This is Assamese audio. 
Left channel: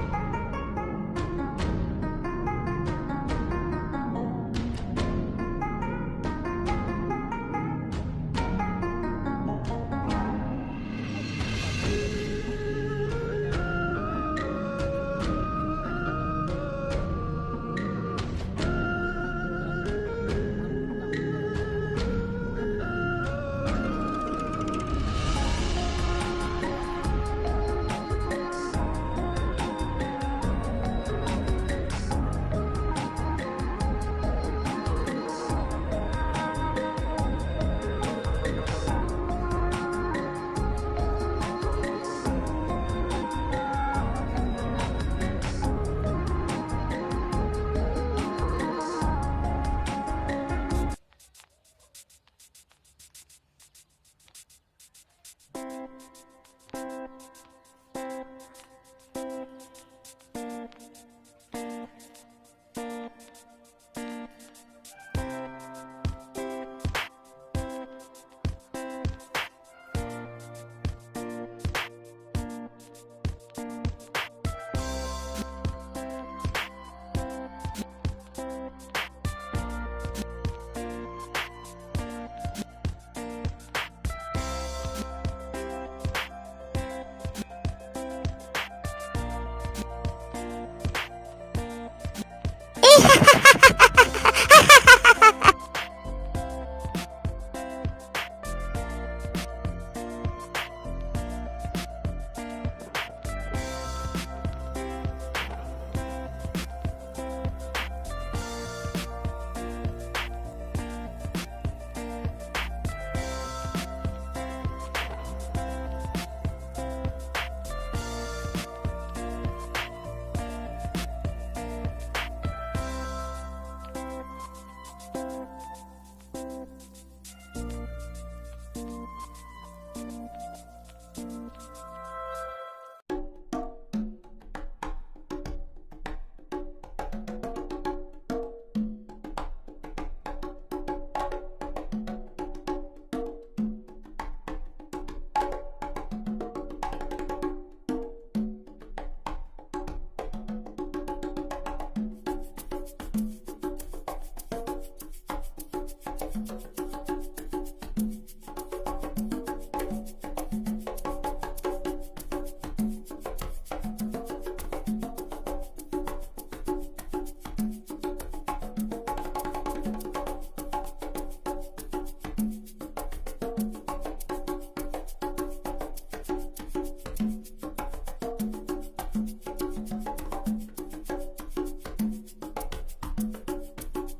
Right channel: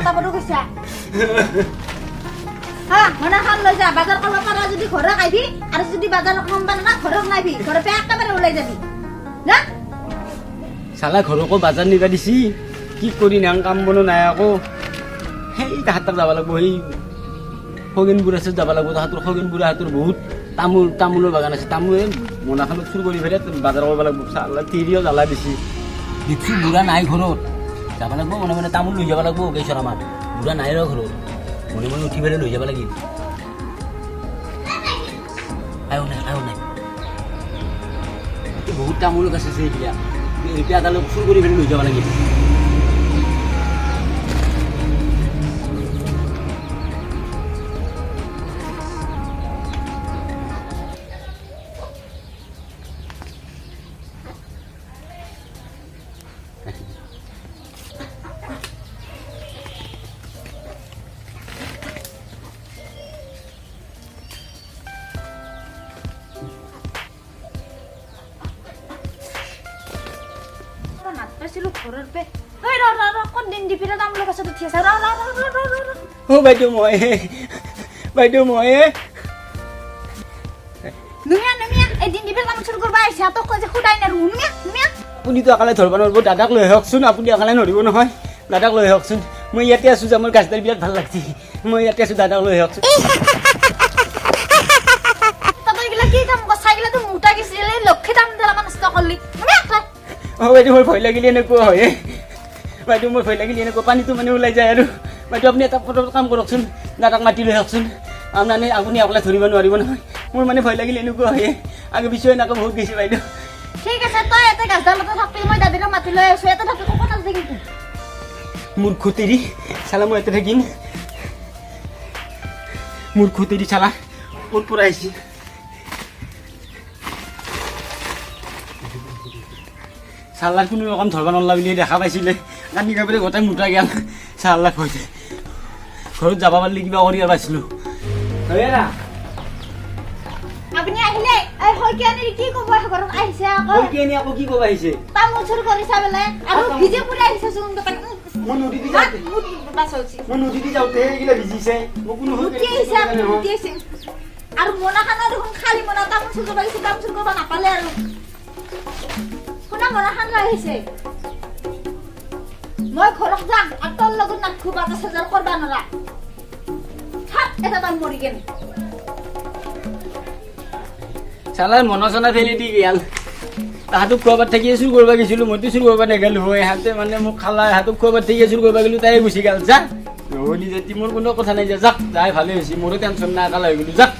কথা বতৰা কৈছা হা মনে খান লৈ যা বাজাৰ কৰিব পাৰা যদি ঘৰে খাইবি আৰু যদি বাজাৰ কম বানা ঘৰে নাইবি ঘৰে পে একেবাৰে ওলাই যাবি না চালা ঘৰকো বাজাৰ নিবা দিছি কি কৰি নাম কাম বনো নাই আকৌ সেই তাহাঁতক যাব লাগিব সেই খগেনপুৰ আছে যাব লাগিব তাহাঁতৰ খগেনপুৰ হাতৰ বহুত তামোলৰ বাগান আছে তামোলে মোনাখনত চুৰ কৰি ফেলে বাজাৰ কৰিব লাগিব চালা তিৰিও জ্বালা দিছি কিছু বুঢ়া নাই ঘৰত যাব লাগিব মনে মনে তামোল লৈ যাব লাগিব কেইছৰ আমাৰ বুঢ়া নাই ৰ ঘৰত মনে মনে উঠি ফেলে লৈ যাব লাগিব বহুত তামোল গছ আছে এতিয়া এতিয়া তালৈ চুৰ কৰি ফেলে লৈ যাব লাগিব বাইদেউ মই আপুনিতো অকালে ধৰিব নোৱাৰিব দাদাক লৈ আহকচোন আপুনি অকালে নধৰিব নহয় দাদাক লৈ আহকচোন মই ইয়াতে আছোঁ যে মোৰ গাছডাল বিৰাট ভাল লাগছি মই ইয়াতে আছোঁ দাদাক লৈ আহকচোন বাইদেউ মোৰ ভয় লাগিলে এনেকুৱা হয় বাইদেউ মোৰ ভয় লাগিলে এনেকুৱা পানীটো মানে ওলাই যায় আৰু বাইদেউ আপুনি এটা কাম কৰকচোন দাদাক মাতি লৈ আহকচোন আপুনি অকলে ধৰিব নোৱাৰিব নহয় মোৰ মানে ভয় লাগিলে এনেকুৱা হয় আগে পিছুৱাই এনেকুৱা বহুত গৈছে বাইদেউ ঠিক আছে তই এটা গাছডালতে থাকি মই দাদাক মাতি লৈ আছো এটা থাকি ক'ত আছে কিন্তু মূৰ্খ তেৰি চালা মই ইয়াতে থাকিম মূৰ্খ তেৰি চালা ক'ত পৰা আহিছে চালাৰ কোনো ৰকম ধৰব নলা বুলি দেখা পাইছিলে কান্দি কাপোৰে গোটেই মোটা গেল চালাক হৈছে ঘৰত যাব পাৰিলে কিবা কৰি পাইছিলোঁ আপুনি আহিলে এই হয়কিয়ানি কি ক'ব ঘৰত আহিছে আকৌ কি ক'ব আহিছে তামোল চুৰ কৰিছা বোলে আৰু ভিজে পুৰা আহিছে চোন দোকান মই নদীতে যাওঁতে এইগিলা ভিজিছে মই কোনো আৰু মনাখানৰ দেখোন খালী মনা তামোল চুৰ কৰিব আহিছে তামোল চুৰ কৰিব নাপালে আৰু শুনা মনাখান লৈ আহিছে মই ঘৰত যাম আৰু তোৰ লগত নাখু বাজাৰ চাজাৰ কৰবা নৰা থাক এটা তাম মৰি গেল চালাৰ মনা চনা ফেলি দি গেল তাহাঁতক খোৱাবাত থাকি চুৰ কৰিব গৈছিলোঁ মইতো চুৰ কৰিব নেগেলোঁ হয় ইহঁতে মানে মোক খালা ইহঁতক খোৱাবাত থাকি চুৰ কৰিব গ'লোঁ তাই গুচি গ'ল যা নহ'লি যদি মোৰ কোনো কথা নাই যাক যাই ভালে হৈছে মোৰো টেনশ্যন নাই একালে হৈ গ'লোঁ যাক